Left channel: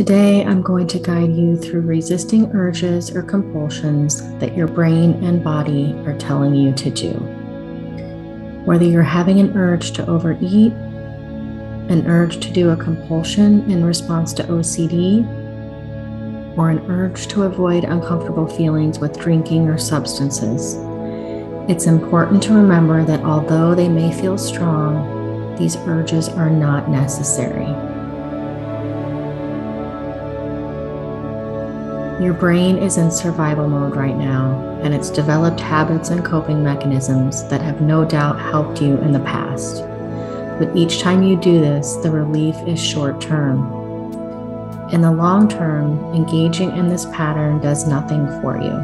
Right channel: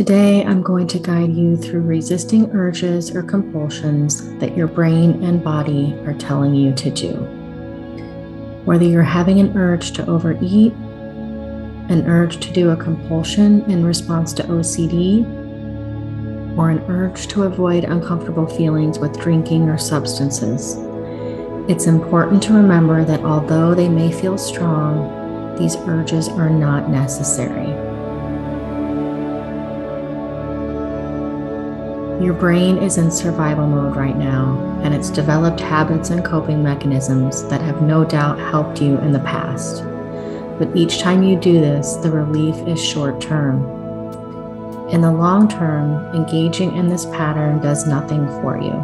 Today, I'm going to guide you through resisting urges or compulsions that your brain and body are telling you to do. Whether you're having an urge to overeat, an urge to do a compulsion in response to OCD, or an urge to avoid uncomfortable feelings with drinking or substances, it's important to remember that although they may feel strong, these urges are not necessary. Your brain is in survival mode right now, and it's developed habits and coping mechanisms that have no doubt helped you in the past. But each time you do this, the relief is short term. In the long term, engaging in this pattern does nothing for you.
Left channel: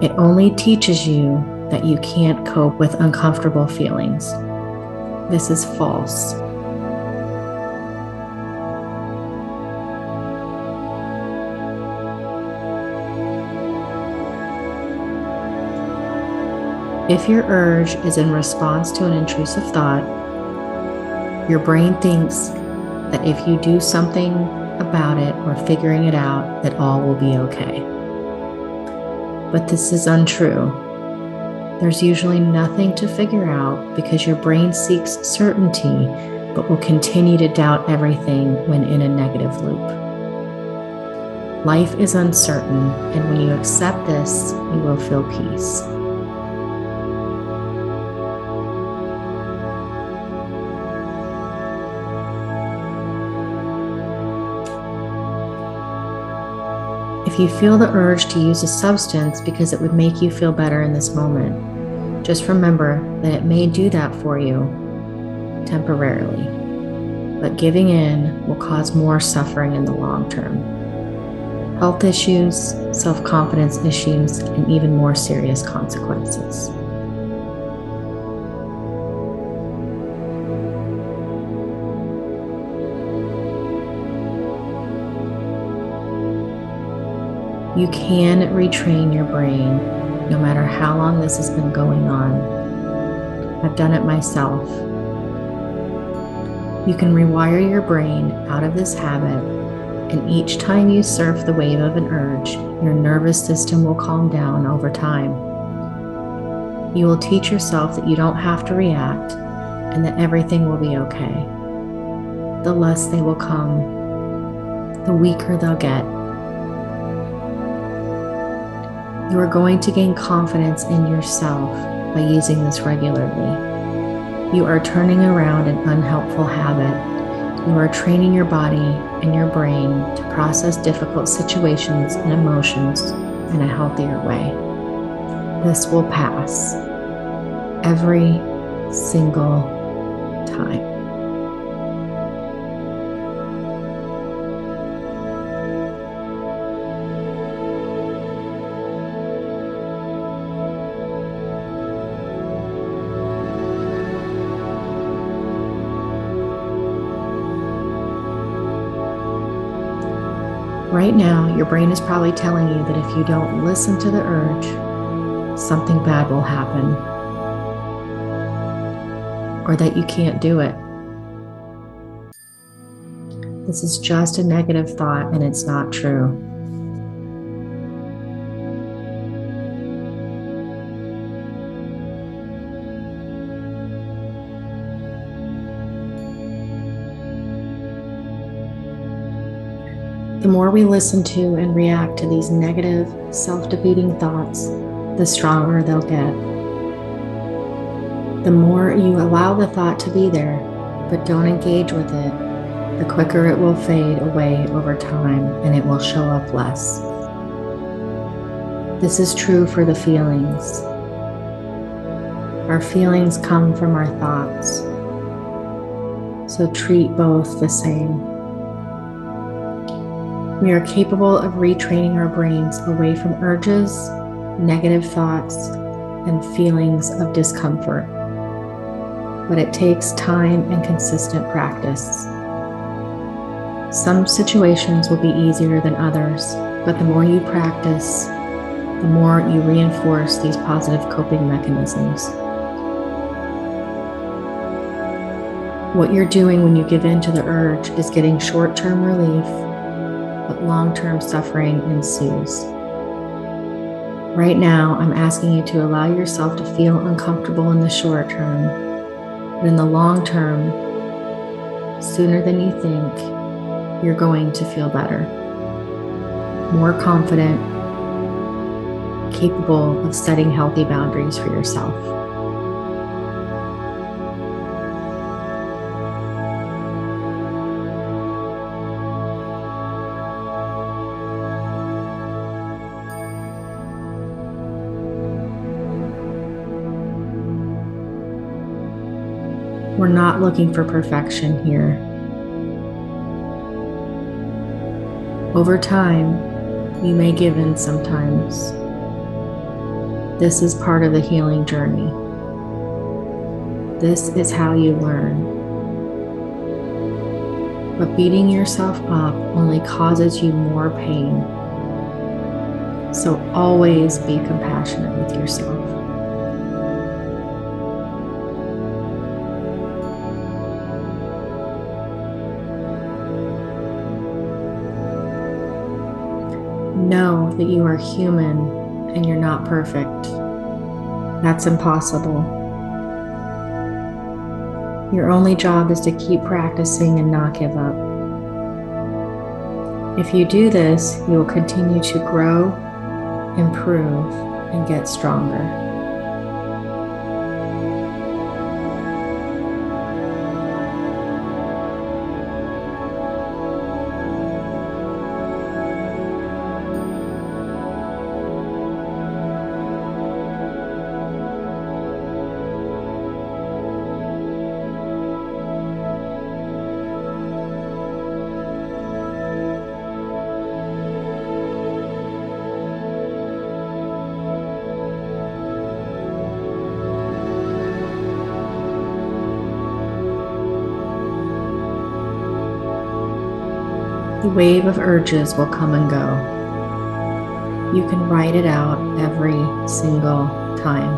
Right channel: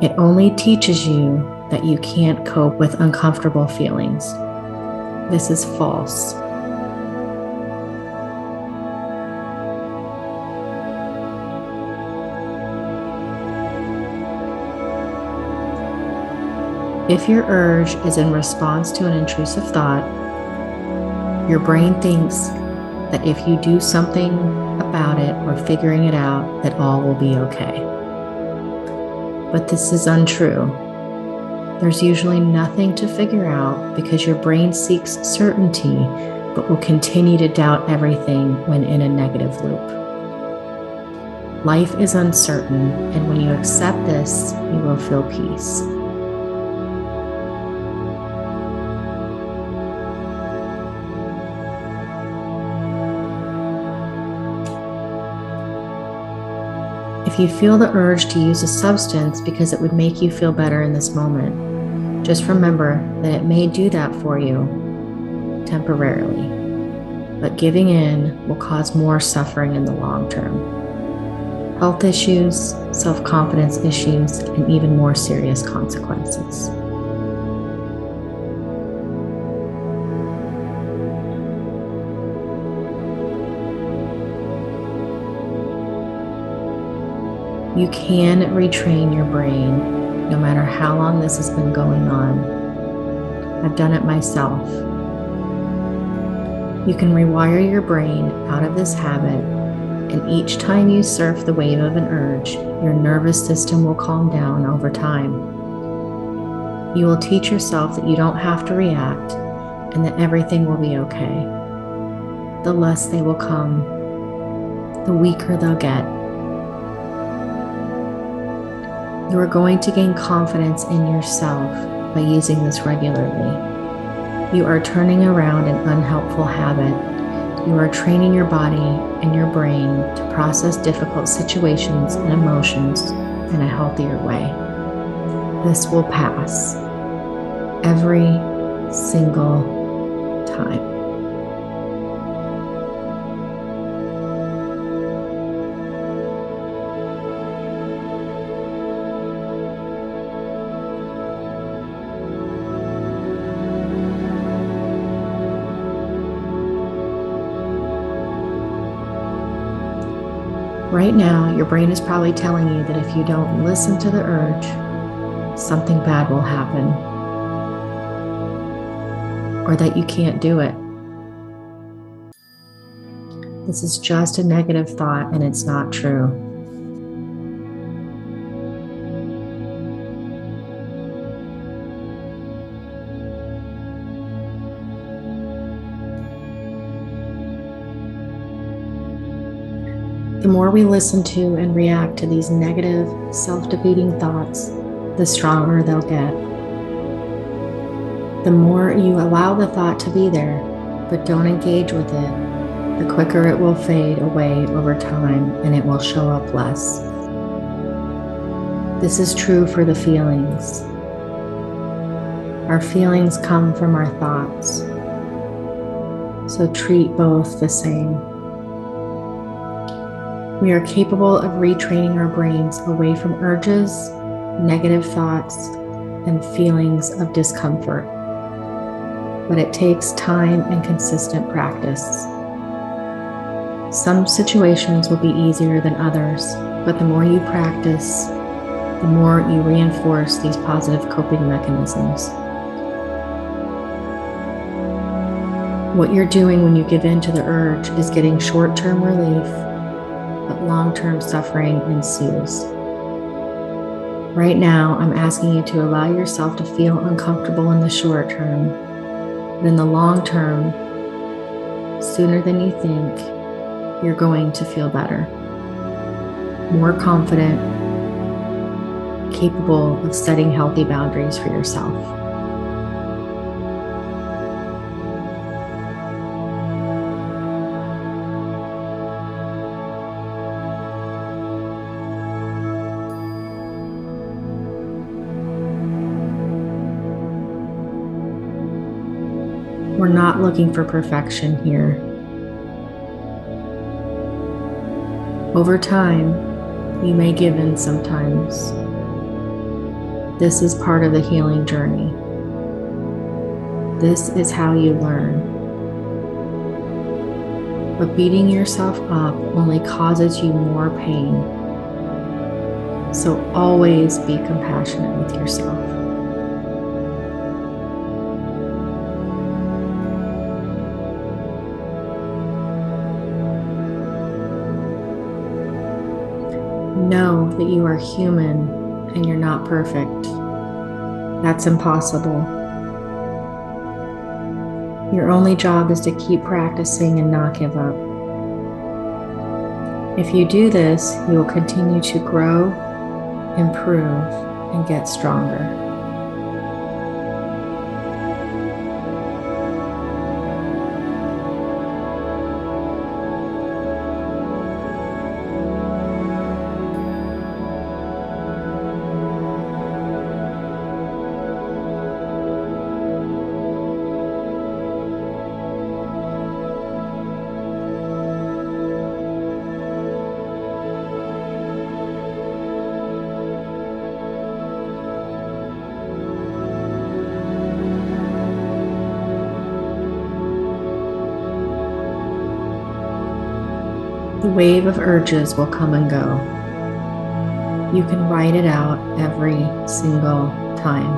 It only teaches you that you can't cope with uncomfortable feelings. This is false. If your urge is in response to an intrusive thought, your brain thinks that if you do something about it or figuring it out, that all will be okay. But this is untrue. There's usually nothing to figure out because your brain seeks certainty, but will continue to doubt everything when in a negative loop. Life is uncertain, and when you accept this, you will feel peace. If you feel the urge to use a substance because it would make you feel better in this moment, just remember that it may do that for you temporarily, but giving in will cause more suffering in the long term. Health issues, self-confidence issues, and even more serious consequences. You can retrain your brain no matter how long this has been going on. I've done it myself. You can rewire your brain out of this habit, and each time you surf the wave of an urge, your nervous system will calm down over time. You will teach yourself that you don't have to react and that everything will be okay. The less they will come, the weaker they'll get. You are going to gain confidence in yourself by using this regularly. You are turning around an unhelpful habit. You are training your body and your brain to process difficult situations and emotions in a healthier way. This will pass every single time. Right now, your brain is probably telling you that if you don't listen to the urge, something bad will happen, or that you can't do it. This is just a negative thought, and it's not true. The more we listen to and react to these negative, self-defeating thoughts, the stronger they'll get. The more you allow the thought to be there, but don't engage with it, the quicker it will fade away over time and it will show up less. This is true for the feelings. Our feelings come from our thoughts, so treat both the same. We are capable of retraining our brains away from urges, negative thoughts, and feelings of discomfort. But it takes time and consistent practice. Some situations will be easier than others, but the more you practice, the more you reinforce these positive coping mechanisms. What you're doing when you give in to the urge is getting short-term relief but long-term suffering ensues. Right now, I'm asking you to allow yourself to feel uncomfortable in the short term, but in the long term, sooner than you think, you're going to feel better, more confident, capable of setting healthy boundaries for yourself. We're not looking for perfection here. Over time, you may give in sometimes. This is part of the healing journey. This is how you learn. But beating yourself up only causes you more pain. So always be compassionate with yourself. Know that you are human and you're not perfect. That's impossible. Your only job is to keep practicing and not give up. If you do this, you will continue to grow, improve, and get stronger. The wave of urges will come and go. You can write it out every single time.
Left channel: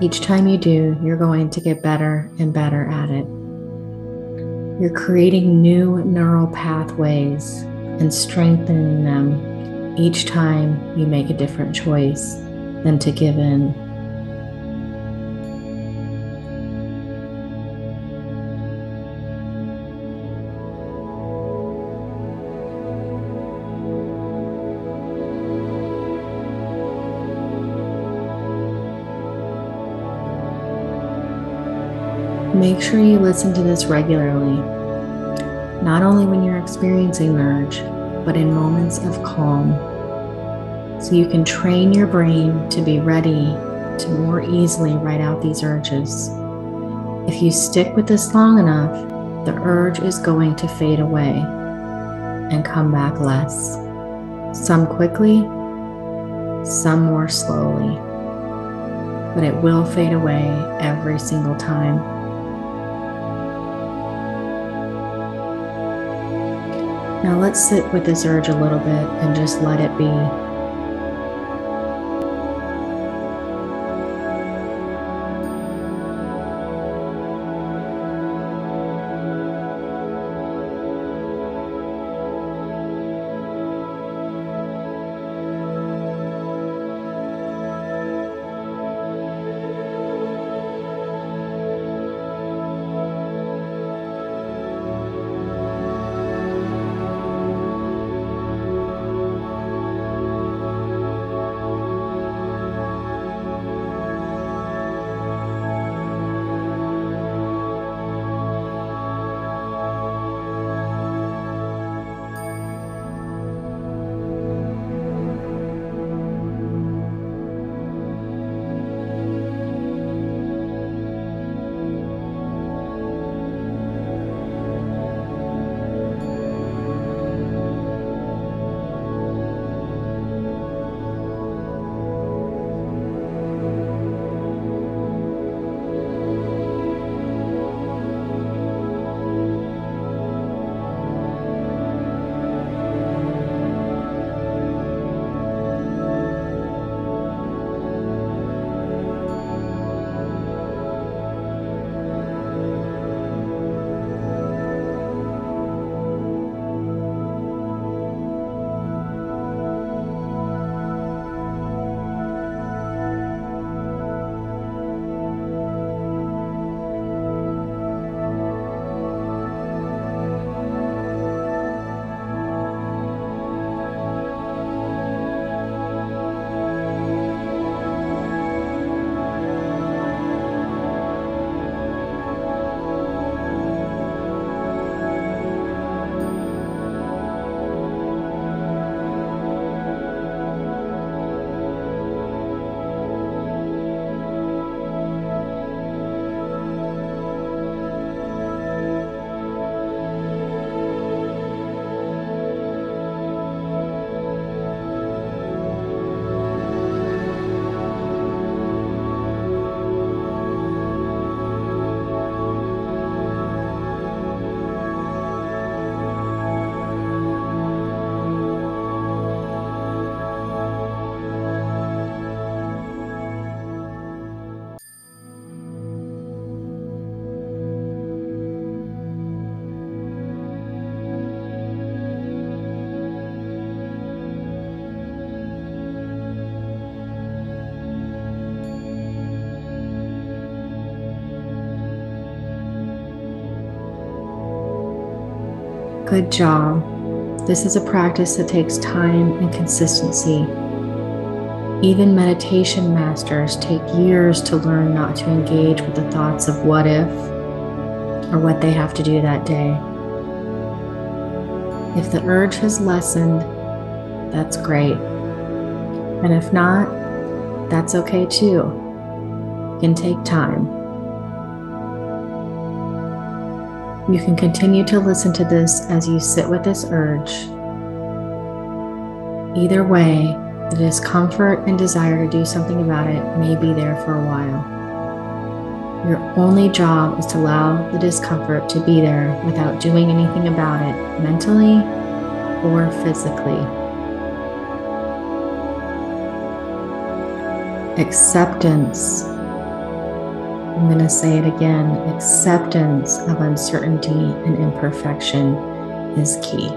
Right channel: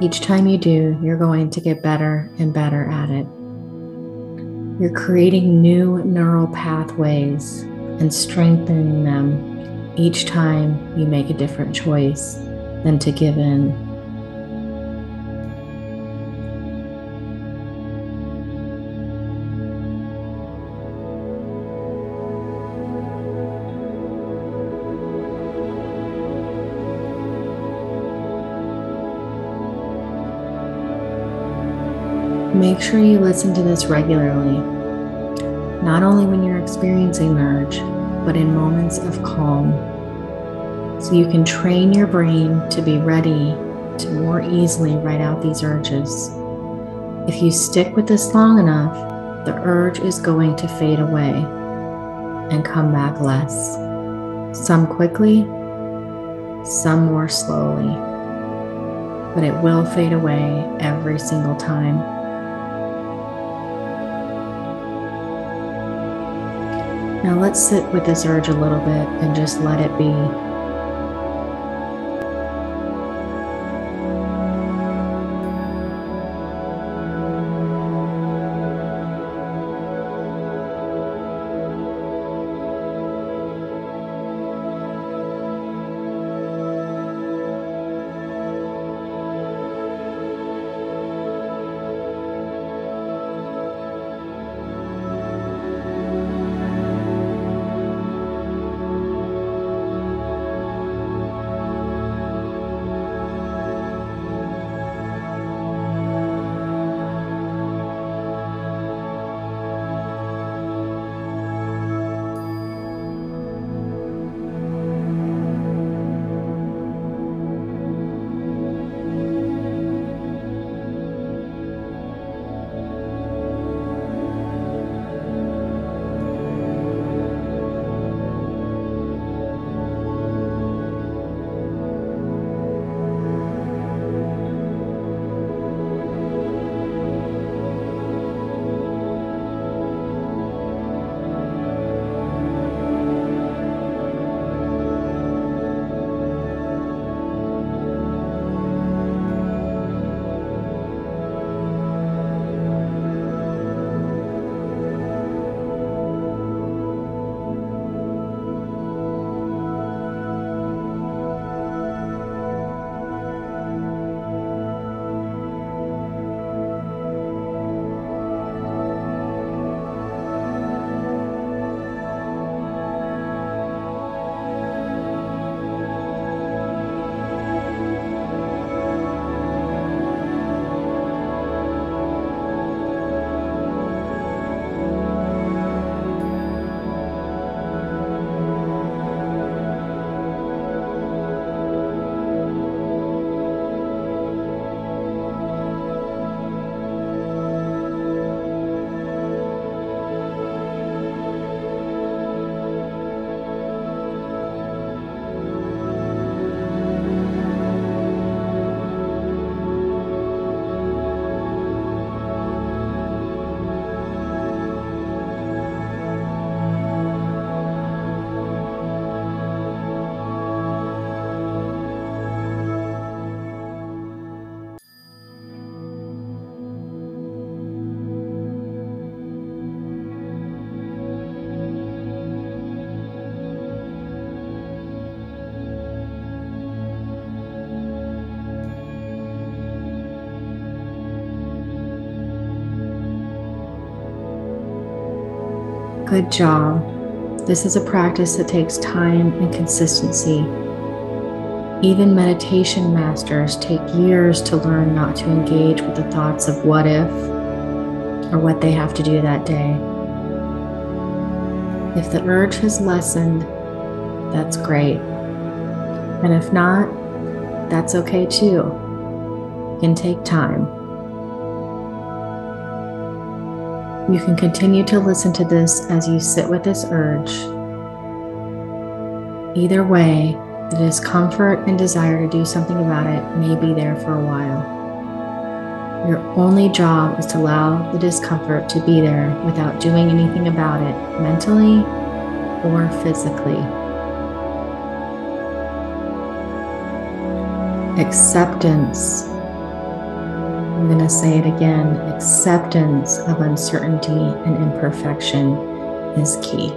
Each time you do, you're going to get better and better at it. You're creating new neural pathways and strengthening them each time you make a different choice than to give in. Make sure you listen to this regularly, not only when you're experiencing an urge, but in moments of calm, so you can train your brain to be ready to more easily write out these urges. If you stick with this long enough, the urge is going to fade away and come back less. Some quickly, some more slowly, but it will fade away every single time. Now let's sit with this urge a little bit and just let it be. Good job. This is a practice that takes time and consistency. Even meditation masters take years to learn not to engage with the thoughts of what if or what they have to do that day. If the urge has lessened, that's great. And if not, that's okay too. It can take time. You can continue to listen to this as you sit with this urge. Either way, the discomfort and desire to do something about it may be there for a while. Your only job is to allow the discomfort to be there without doing anything about it mentally or physically. Acceptance. I'm going to say it again. Acceptance of uncertainty and imperfection is key.